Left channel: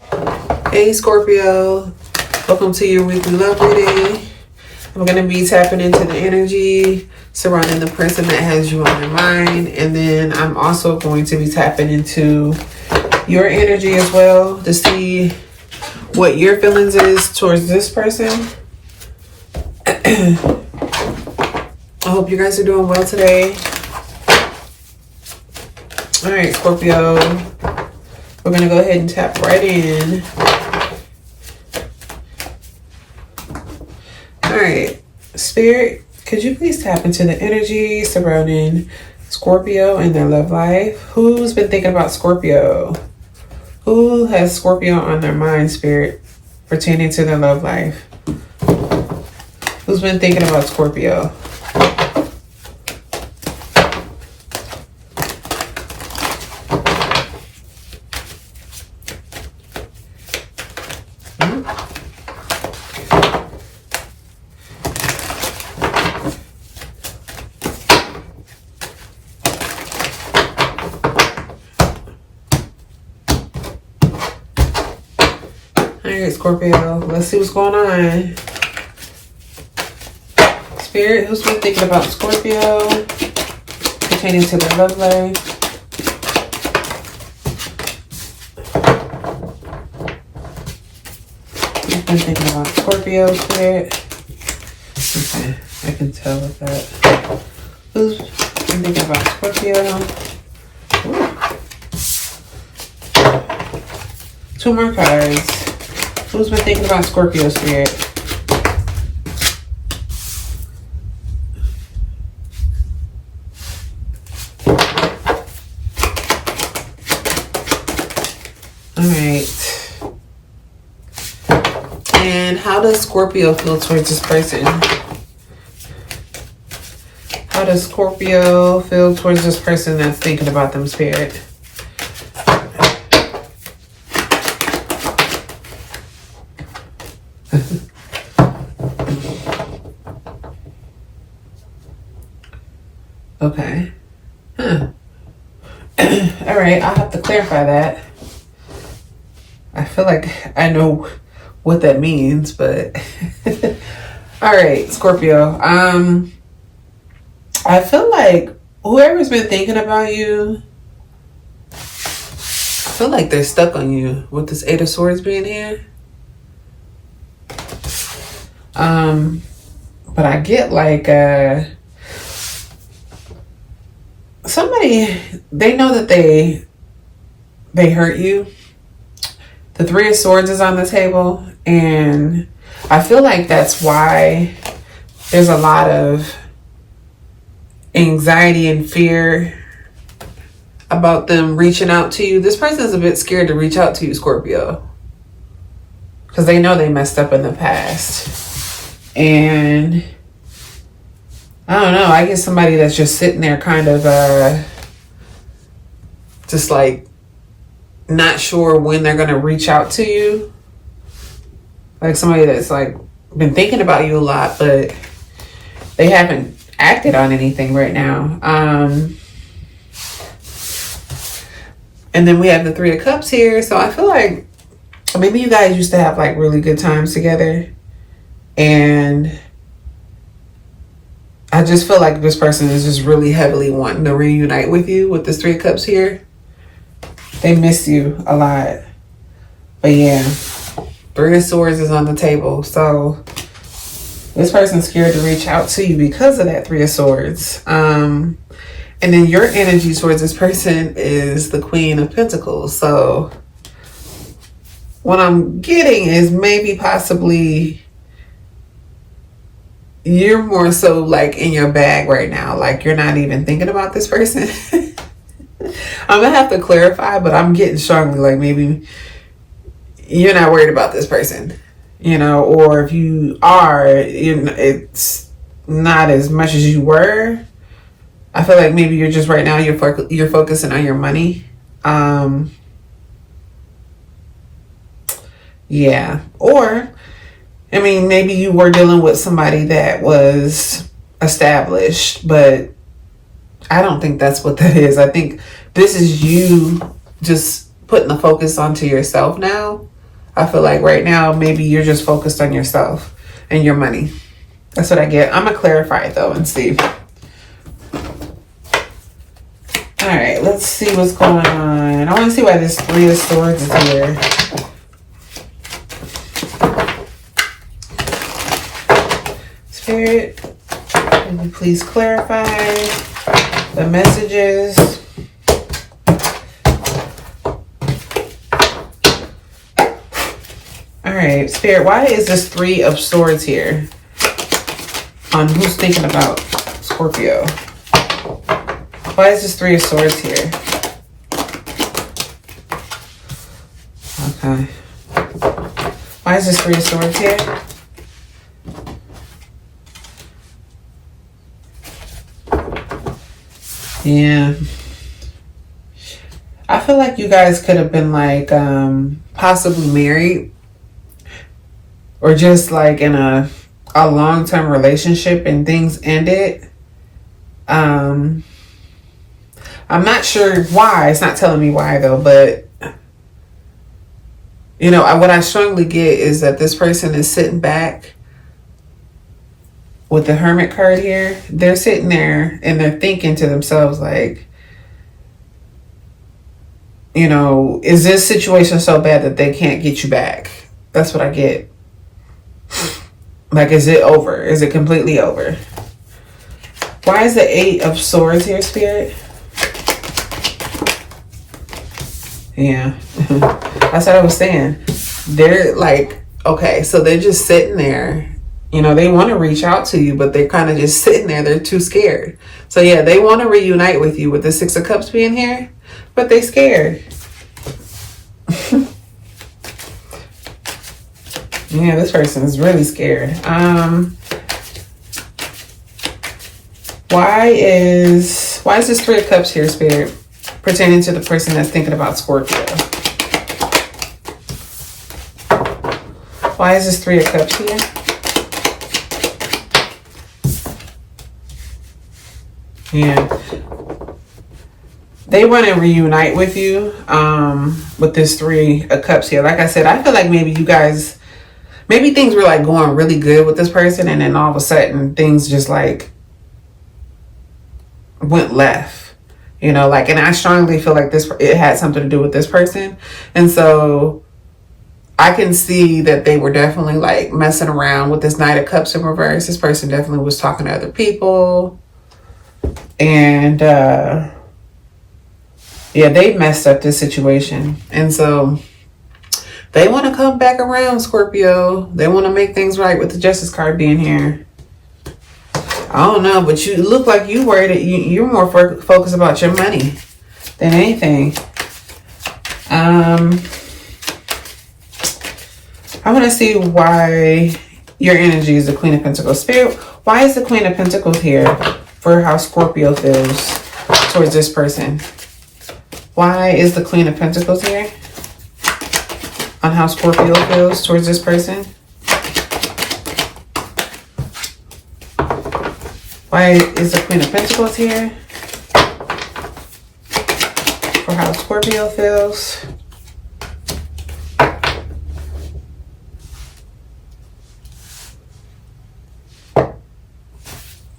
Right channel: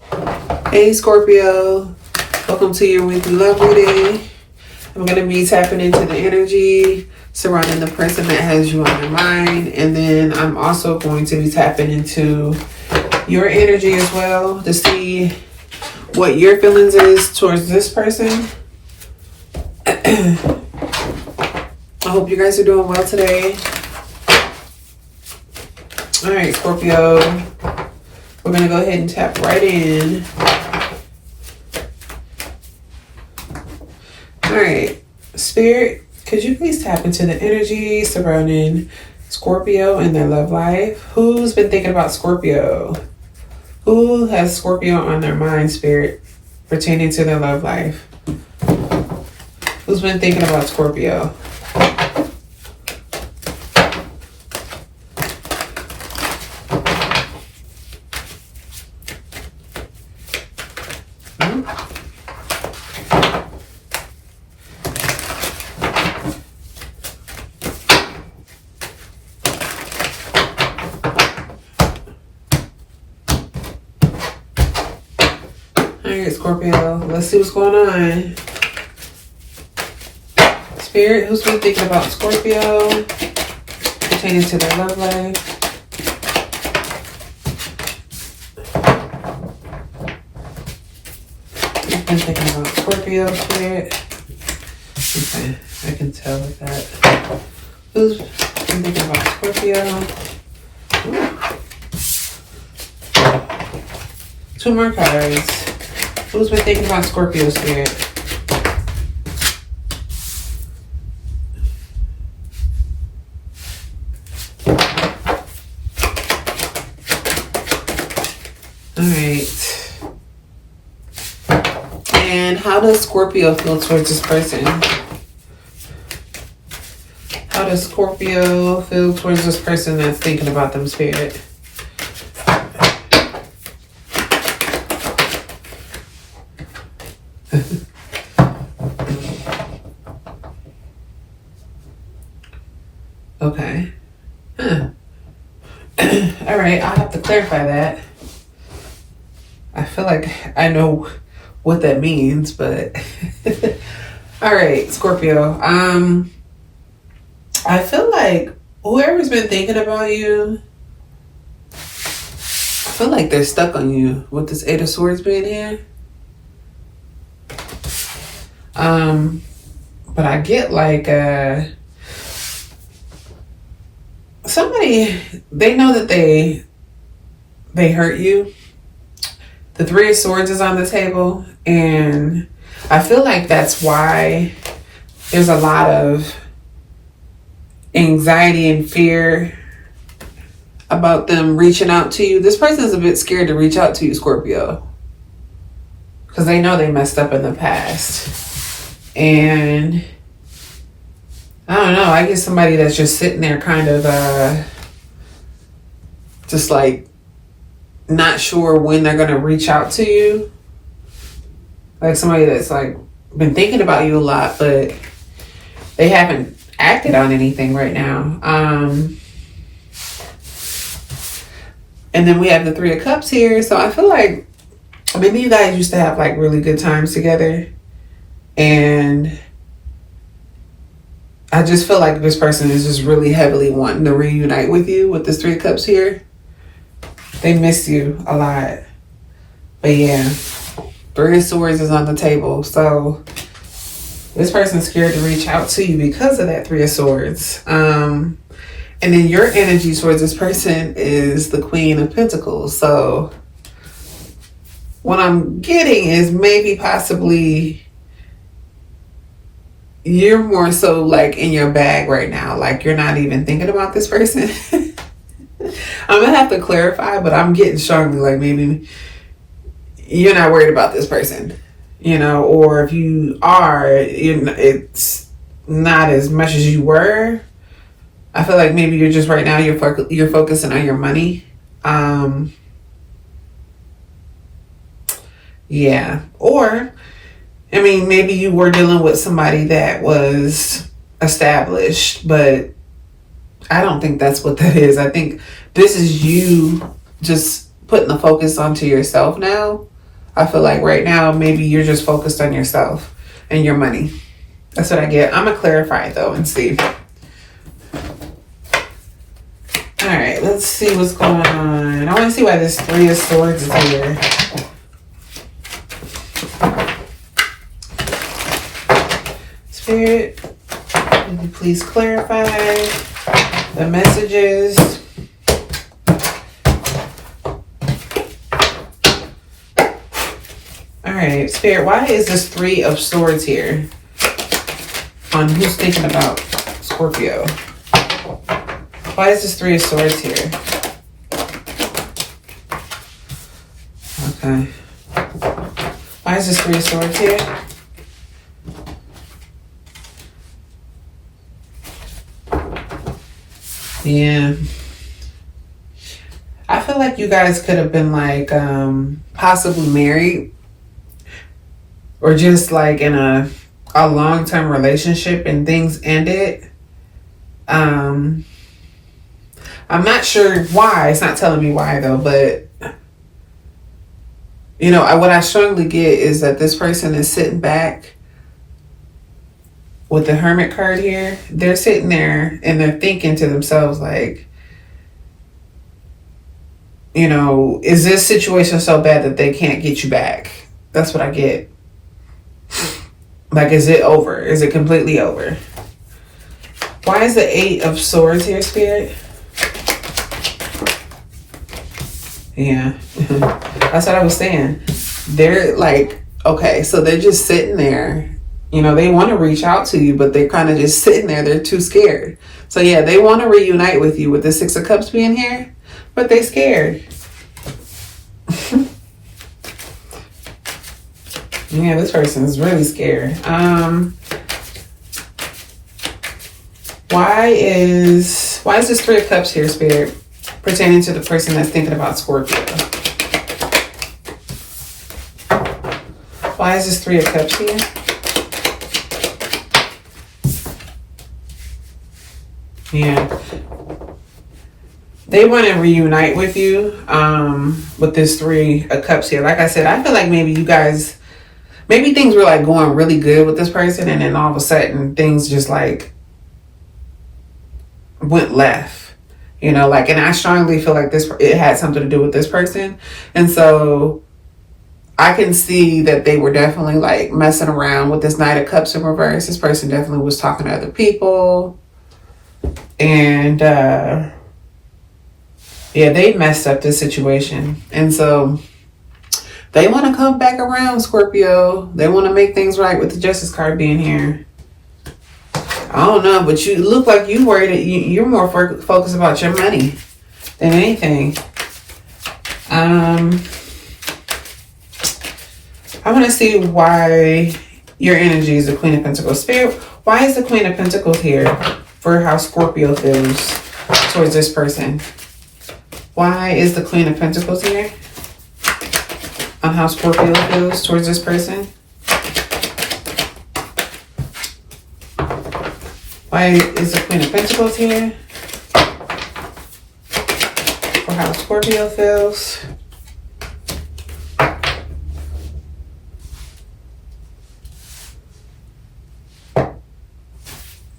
Hey Scorpio, welcome to your weekly love reading. I'm going to be tapping into the energy surrounding the person that has you on your mind. And then I'm also going to be tapping into your energy as well to see what your feelings is towards this person. I hope you guys are doing well today. All right, Scorpio, we're going to go ahead and tap right in. All right, Spirit, could you please tap into the energy surrounding Scorpio and their love life? Who's been thinking about Scorpio? Who has Scorpio on their mind, Spirit, pertaining to their love life? Who's been thinking about Scorpio? Alright, Scorpio, let's see what's going on. Spirit, who's been thinking about Scorpio pertaining to their love life? Who's been thinking about Scorpio, Spirit? Okay, I can tell with that. Who's been thinking about Scorpio? Two more cards. Who's been thinking about Scorpio, Spirit? Alright. And how does Scorpio feel towards this person? How does Scorpio feel towards this person that's thinking about them, Spirit? Okay. Huh. All right, I'll have to clarify that. I feel like I know what that means, but all right, Scorpio. I feel like whoever's been thinking about you, I feel like they're stuck on you with this Eight of Swords being here. But I get like somebody, they know that they hurt you. The Three of Swords is on the table, and I feel like that's why there's a lot of anxiety and fear about them reaching out to you. This person's a bit scared to reach out to you, Scorpio, because they know they messed up in the past. And I don't know, I get somebody that's just sitting there kind of just like not sure when they're going to reach out to you. Like somebody that's like been thinking about you a lot, but they haven't acted on anything right now. And then we have the Three of Cups here. So I feel like maybe you guys used to have like really good times together. And I just feel like this person is just really heavily wanting to reunite with you with this Three of Cups here. They miss you a lot. But yeah, Three of Swords is on the table. So this person's scared to reach out to you because of that Three of Swords. And then your energy towards this person is the Queen of Pentacles. So what I'm getting is maybe possibly you're more so like in your bag right now. Like you're not even thinking about this person. I'm gonna have to clarify, but I'm getting strongly like maybe you're not worried about this person, you know, or if you are, it's not as much as you were. I feel like maybe you're just right now you're focusing on your money. Yeah, or I mean, maybe you were dealing with somebody that was established, but I don't think that's what that is. I think this is you just putting the focus onto yourself now. I feel like right now, maybe you're just focused on yourself and your money. That's what I get. I'm going to clarify it though and see. All right, let's see what's going on. I want to see why this Three of Swords is here. Spirit, can you please clarify the messages? All right, Spirit, why is this Three of Swords here? On who's thinking about Scorpio? Why is this Three of Swords here? Okay. Why is this Three of Swords here? Yeah. I feel like you guys could have been like possibly married or just like in a long-term relationship and things ended. I'm not sure why. It's not telling me why though, but you know, what I strongly get is that this person is sitting back with the Hermit card here. They're sitting there and they're thinking to themselves like, you know, is this situation so bad that they can't get you back? That's what I get. Like, is it over? Is it completely over? Why is the Eight of Swords here, Spirit? Yeah, that's what I was saying. They're like, okay, so they're just sitting there. You know, they want to reach out to you, but they're kind of just sitting there. They're too scared. So yeah, they want to reunite with you with the Six of Cups being here, but they're scared. Yeah, this person is really scared. Why is this Three of Cups here, Spirit, pertaining to the person that's thinking about Scorpio? Why is this Three of Cups here? Yeah. They want to reunite with you with this Three of Cups here. Like I said, I feel like maybe you guys, maybe things were like going really good with this person and then all of a sudden things just like went left. You know, like, and I strongly feel like it had something to do with this person. And so I can see that they were definitely like messing around with this Knight of Cups in reverse. This person definitely was talking to other people. And yeah, they messed up this situation. And so they want to come back around, Scorpio. They want to make things right with the Justice card being here. I don't know, but you look like you worried that you're more focused about your money than anything. I want to see why your energy is the Queen of Pentacles. Spirit, why is the Queen of Pentacles here for how Scorpio feels towards this person? Why is the Queen of Pentacles here on how Scorpio feels towards this person? Why is the Queen of Pentacles here for how Scorpio feels?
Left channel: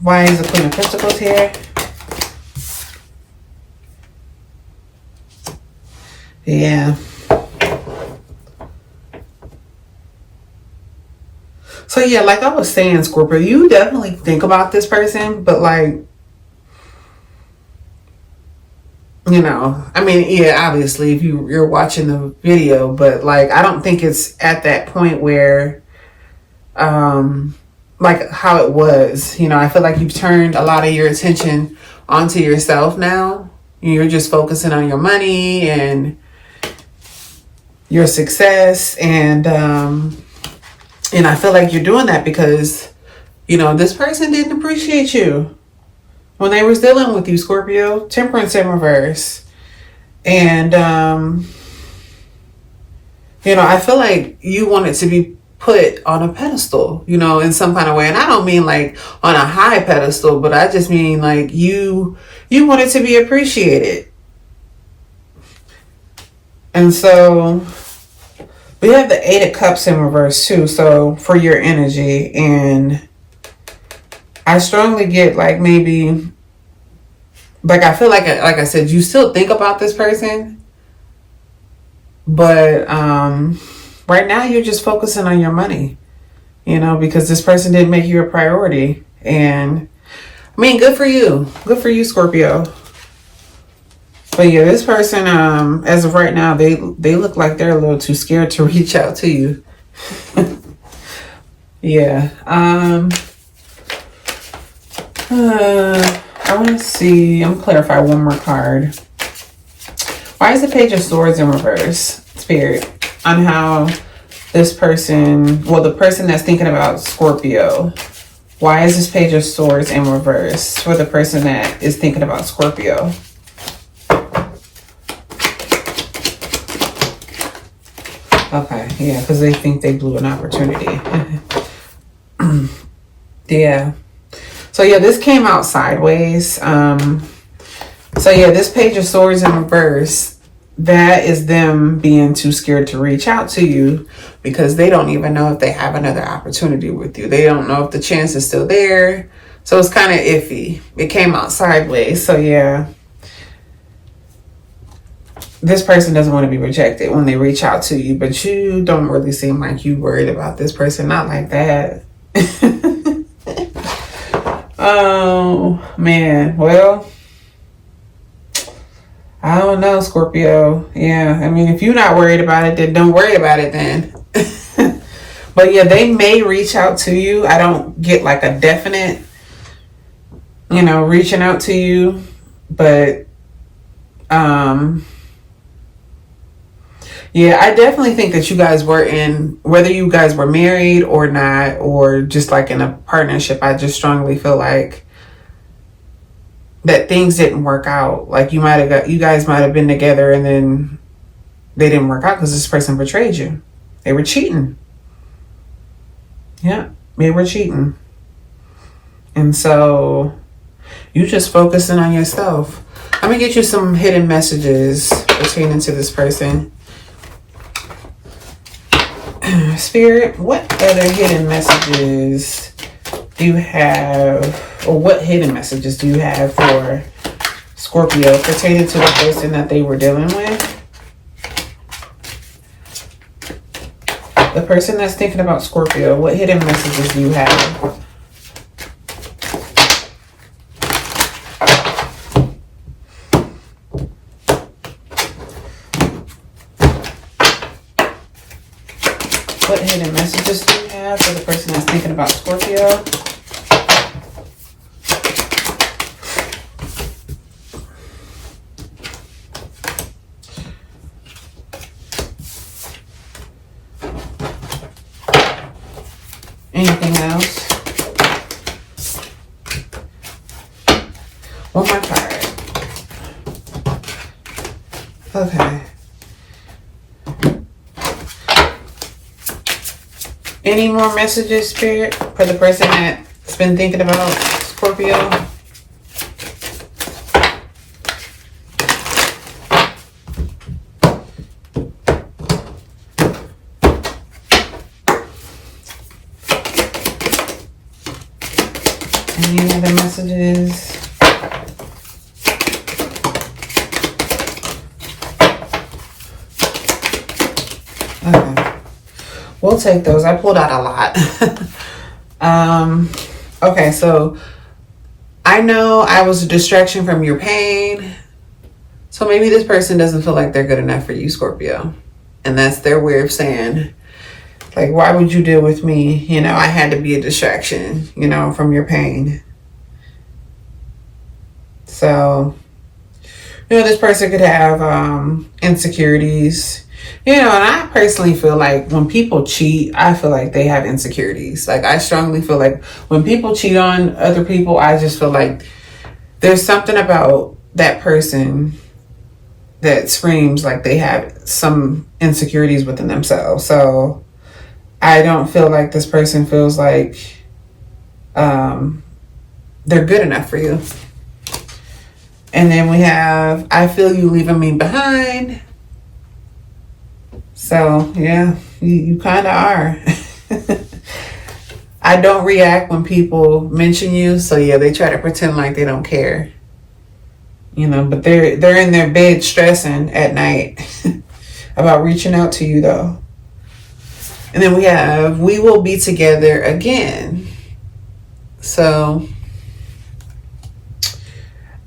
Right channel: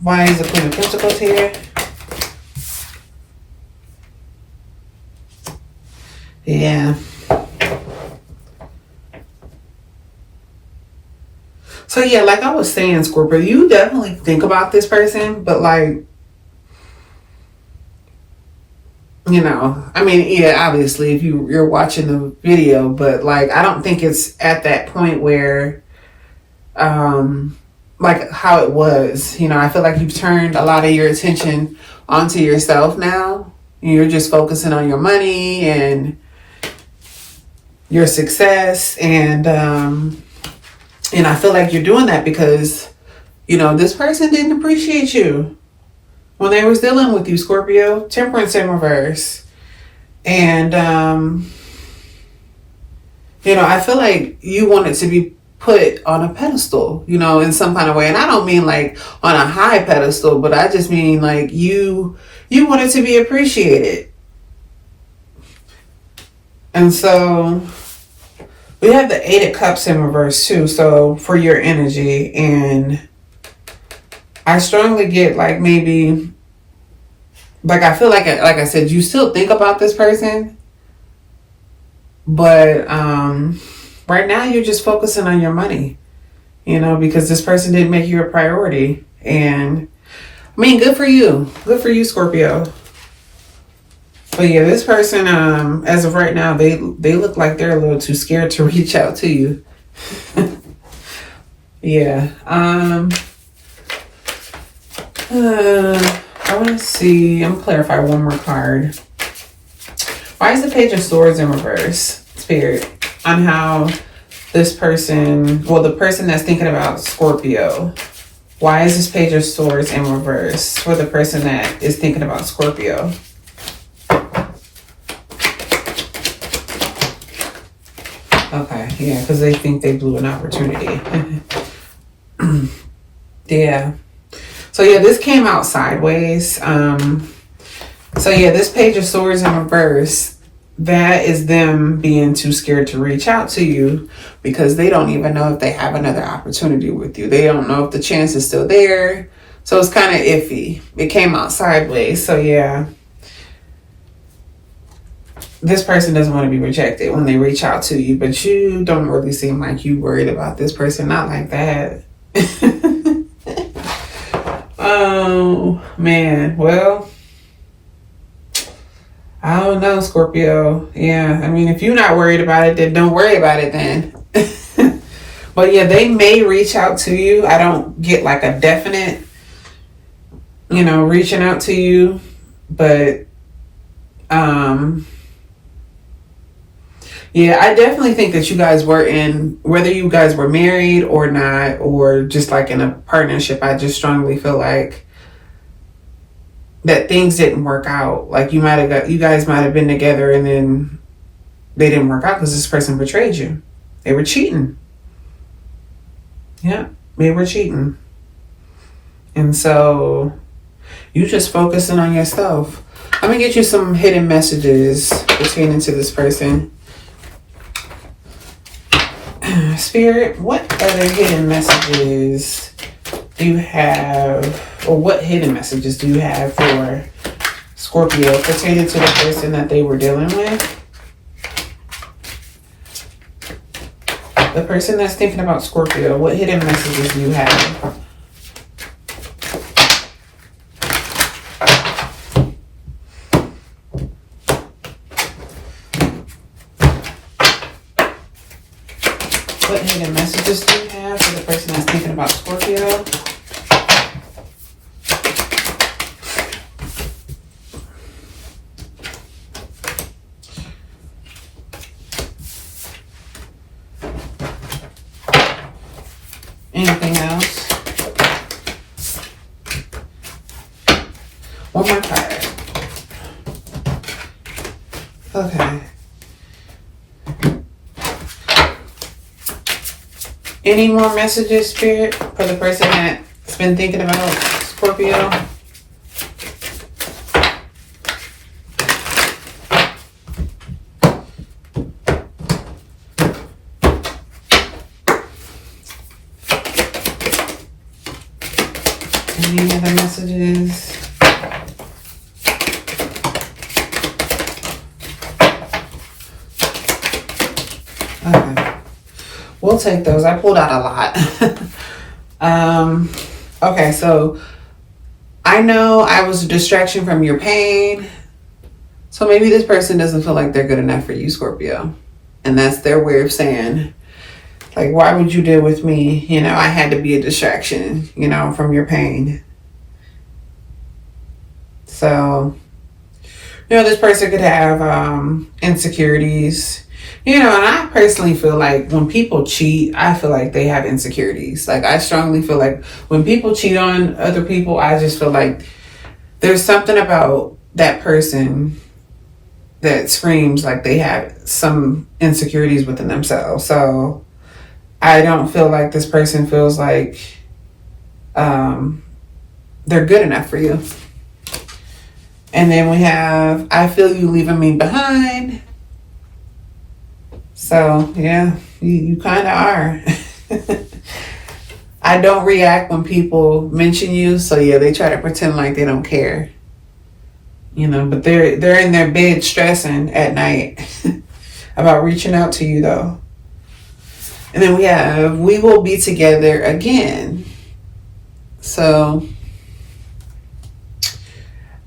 Why is the Queen of Pentacles here? Yeah. So yeah, like I was saying, Scorpio, you definitely think about this person, but like, you know, I mean, yeah, obviously if you're watching the video, but like, I don't think it's at that point where, like how it was, you know, I feel like you've turned a lot of your attention onto yourself now. You're just focusing on your money and your success. And I feel like you're doing that because, you know, this person didn't appreciate you when they were dealing with you, Scorpio. Temperance in reverse. And, you know, I feel like you wanted to be put on a pedestal, you know, in some kind of way. And I don't mean like on a high pedestal, but I just mean like you wanted to be appreciated. And so we have the Eight of Cups in reverse too. So for your energy, and I strongly get like maybe, like I feel like I said, you still think about this person, but right now you're just focusing on your money, you know, because this person didn't make you a priority. And I mean, good for you. Good for you, Scorpio. But yeah, this person, as of right now, they look like they're a little too scared to reach out to you. Yeah. I want to see. I'm going to clarify one more card. Why is the Page of Swords in reverse, Spirit? On how this person, well, the person that's thinking about Scorpio, why is this Page of Swords in reverse for the person that is thinking about Scorpio? Okay, yeah, because they think they blew an opportunity. Yeah. So yeah, this came out sideways. So yeah, this Page of Swords in reverse, that is them being too scared to reach out to you because they don't even know if they have another opportunity with you. They don't know if the chance is still there. So it's kind of iffy. It came out sideways. So yeah, this person doesn't want to be rejected when they reach out to you, but you don't really seem like you worried about this person. Not like that. Oh, man. Well, I don't know, Scorpio. Yeah, I mean, if you're not worried about it, then don't worry about it then. But yeah, they may reach out to you. I don't get like a definite, you know, reaching out to you. But, yeah, I definitely think that you guys were in, whether you guys were married or not, or just like in a partnership, I just strongly feel like that things didn't work out. Like you guys might have been together and then they didn't work out because this person betrayed you. They were cheating. Yeah, they were cheating. And so you just focusing on yourself. I'm going to get you some hidden messages pertaining to this person. Spirit, what other hidden messages do you have, or what hidden messages do you have for Scorpio pertaining to the person that they were dealing with? The person that's thinking about Scorpio, what hidden messages do you have? What hidden messages do you have for the person that's thinking about Scorpio? Anything else? One more card. Okay. Any more messages, Spirit, for the person that's been thinking about Scorpio? Any other messages? Okay. We'll take those. I pulled out a lot. Okay, so I know I was a distraction from your pain. So maybe this person doesn't feel like they're good enough for you, Scorpio. And that's their way of saying, like, why would you deal with me? You know, I had to be a distraction, you know, from your pain. So, you know, this person could have insecurities. You know, and I personally feel like when people cheat, I feel like they have insecurities. Like, I strongly feel like when people cheat on other people, I just feel like there's something about that person that screams like they have some insecurities within themselves. So I don't feel like this person feels like they're good enough for you. And then we have, I feel you leaving me behind. So, yeah, you kind of are. I don't react when people mention you. So, yeah, they try to pretend like they don't care. You know, but they're in their bed stressing at night about reaching out to you, though. And then we have, we will be together again. So,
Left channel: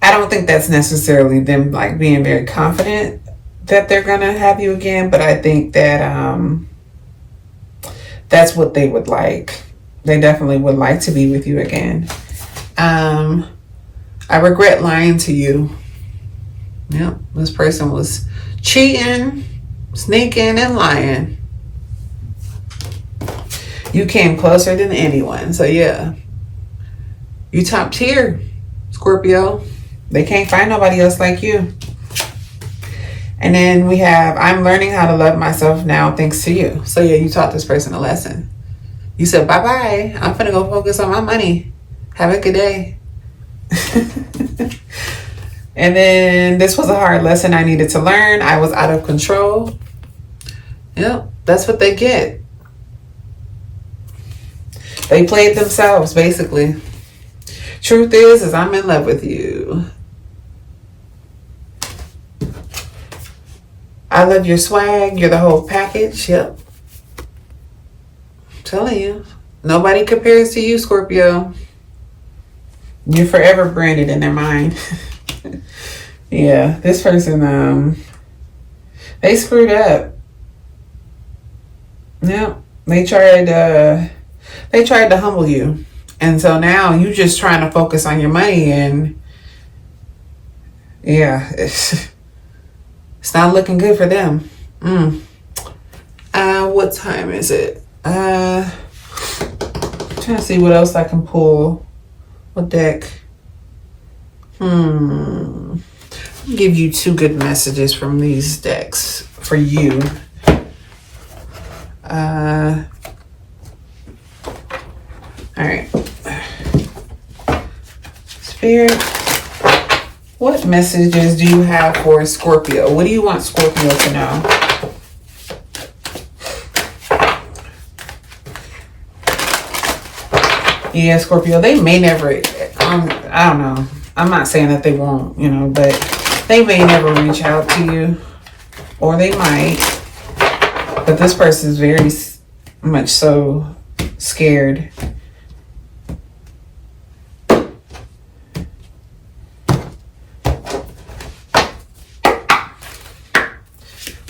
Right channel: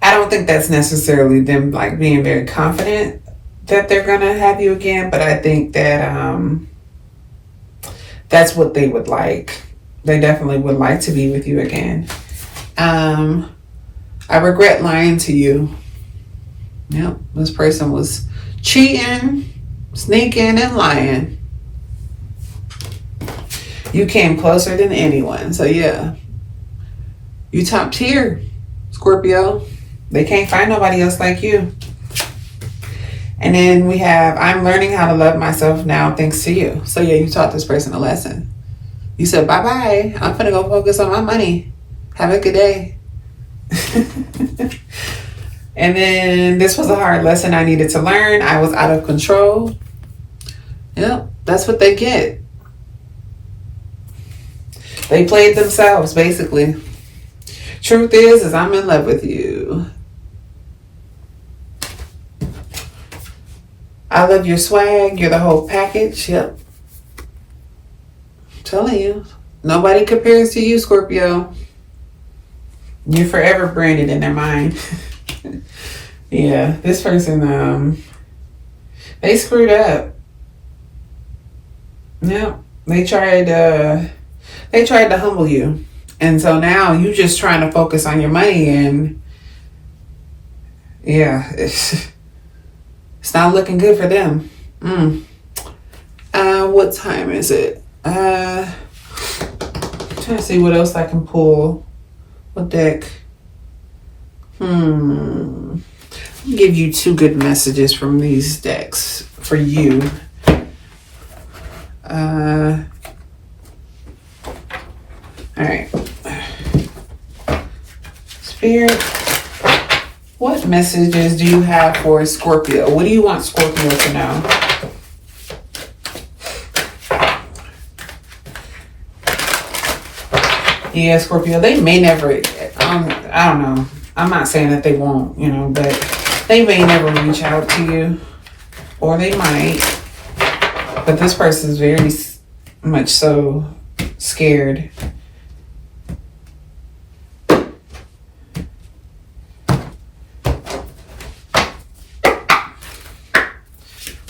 I don't think that's necessarily them like being very confident that they're gonna have you again, but I think that that's what they would like. They definitely would like to be with you again. I regret lying to you. Yep, this person was cheating, sneaking, and lying. You came closer than anyone. So yeah, you top tier, Scorpio. They can't find nobody else like you. And then we have, I'm learning how to love myself now thanks to you. So yeah, you taught this person a lesson. You said, bye-bye. I'm finna go focus on my money. Have a good day. And then this was a hard lesson I needed to learn. I was out of control. Yep, that's what they get. They played themselves, basically. Truth is I'm in love with you. I love your swag. You're the whole package. Yep. I'm telling you. Nobody compares to you, Scorpio. You're forever branded in their mind. Yeah, this person, they screwed up. Yep. They tried to humble you. And so now you just trying to focus on your money, and yeah, it's not looking good for them. What time is it? Trying to see what else I can pull. What deck? I'll give you two good messages from these decks for you. All right. Spirit, what messages do you have for Scorpio? What do you want Scorpio to know? Yeah, Scorpio, they may never, I don't know. I'm not saying that they won't, you know, but they may never reach out to you, or they might. But this person is very much so scared.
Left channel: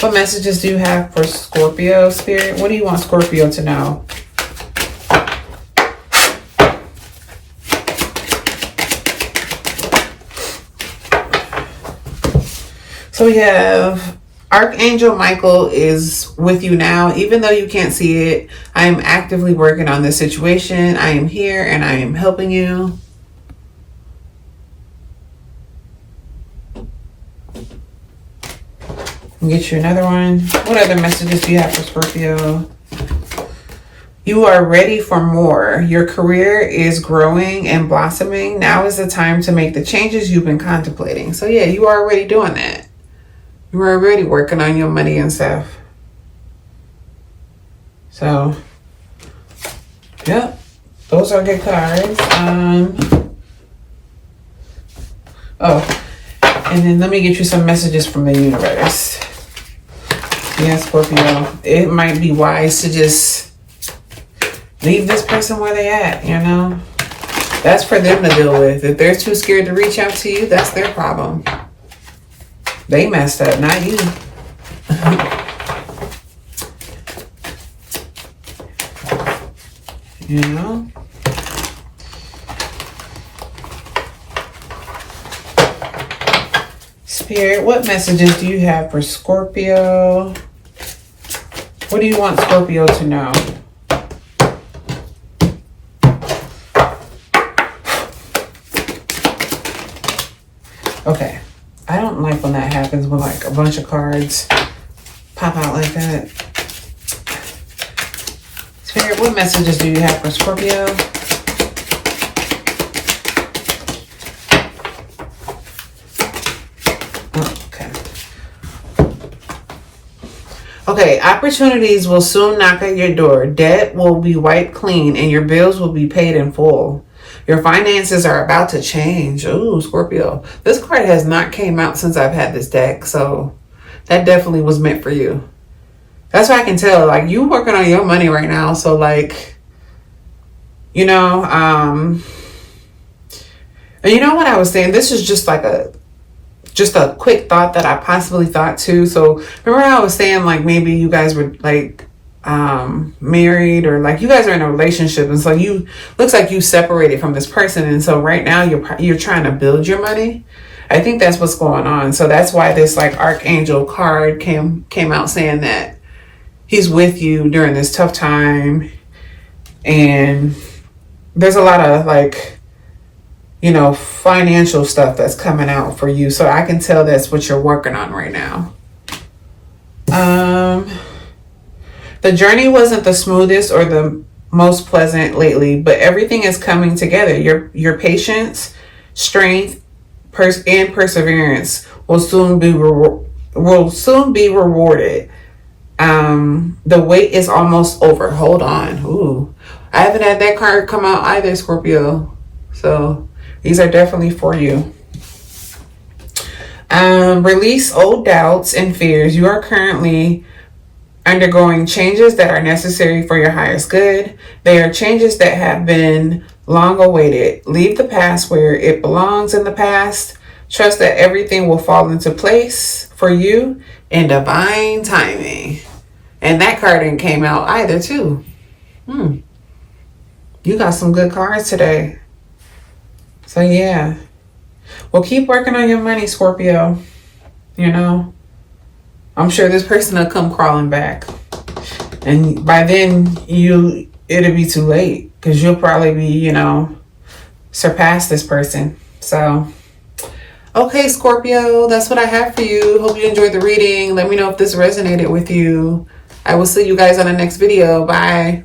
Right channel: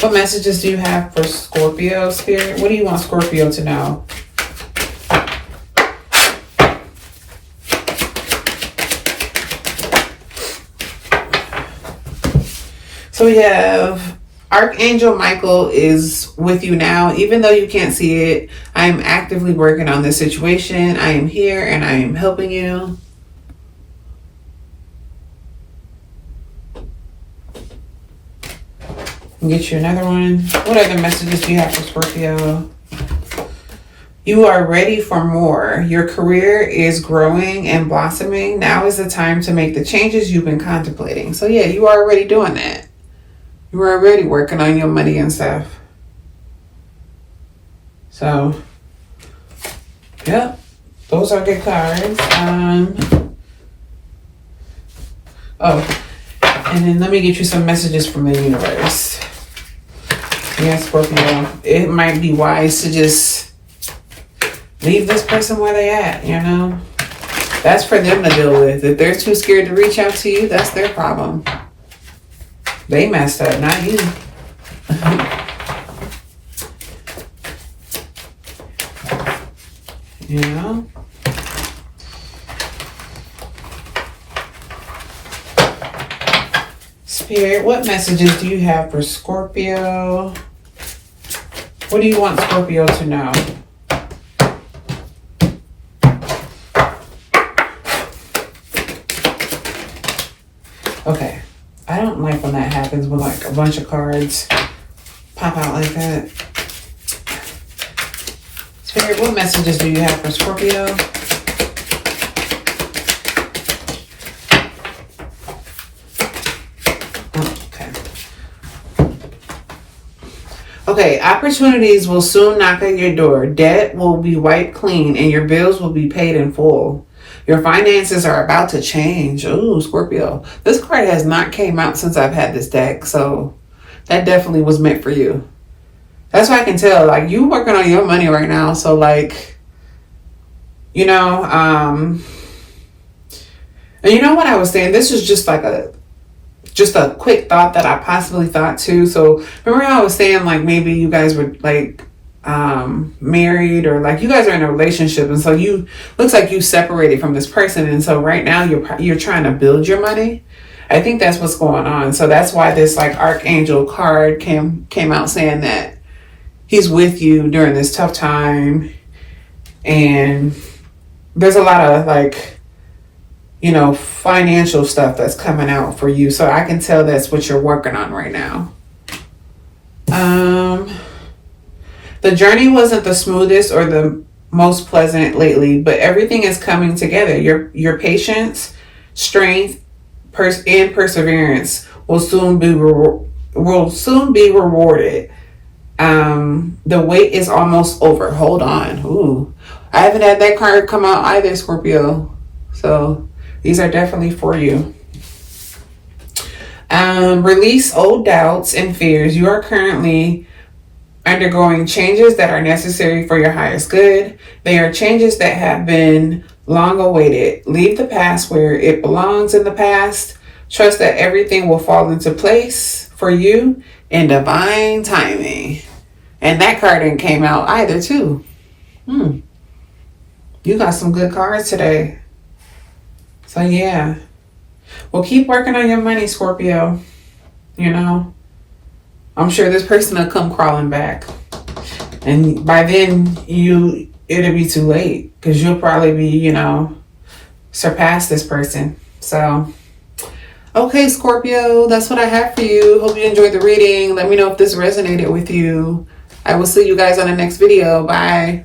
What messages do you have for Scorpio, Spirit? What do you want Scorpio to know? So we have Archangel Michael is with you now. Even though you can't see it, I am actively working on this situation. I am here and I am helping you. Get you another one. What other messages do you have for Scorpio? You are ready for more. Your career is growing and blossoming. Now is the time to make the changes you've been contemplating. So yeah, you are already doing that. You're already working on your money and stuff. So, yep, those are good cards. And then let me get you some messages from the universe. Yeah, Scorpio, it might be wise to just leave this person where they at, you know? That's for them to deal with. If they're too scared to reach out to you, that's their problem. They messed up, not you. You know? Spirit, what messages do you have for Scorpio? What do you want Scorpio to know? Okay. I don't like when that happens, when like a bunch of cards pop out like that. Spirit, what messages do you have for Scorpio? Okay, opportunities will soon knock at your door. Debt will be wiped clean and your bills will be paid in full. Your finances are about to change. Ooh, Scorpio. This card has not came out since I've had this deck, so that definitely was meant for you. That's what I can tell. Like, you working on your money right now, so like, you know, and you know what I was saying? This is just like a quick thought that I possibly thought too. So remember how I was saying like maybe you guys were like married, or like you guys are in a relationship, and so you looks like you separated from this person, and so right now you're trying to build your money. I think that's what's going on. So that's why this like archangel card came out saying that he's with you during this tough time, and there's a lot of like, you know, financial stuff that's coming out for you. So I can tell that's what you're working on right now. The journey wasn't the smoothest or the most pleasant lately, but everything is coming together. Your patience, strength, and perseverance will soon be rewarded. The wait is almost over. Hold on. Ooh, I haven't had that card come out either, Scorpio. So these are definitely for you. Release old doubts and fears. You are currently undergoing changes that are necessary for your highest good. They are changes that have been long awaited. Leave the past where it belongs in the past. Trust that everything will fall into place for you in divine timing. And that card didn't came out either too. You got some good cards today. So yeah. Well, keep working on your money, Scorpio. You know, I'm sure this person will come crawling back. And by then, it'll be too late. Because you'll probably be, you know, surpass this person. So, okay, Scorpio, that's what I have for you. Hope you enjoyed the reading. Let me know if this resonated with you. I will see you guys on the next video. Bye.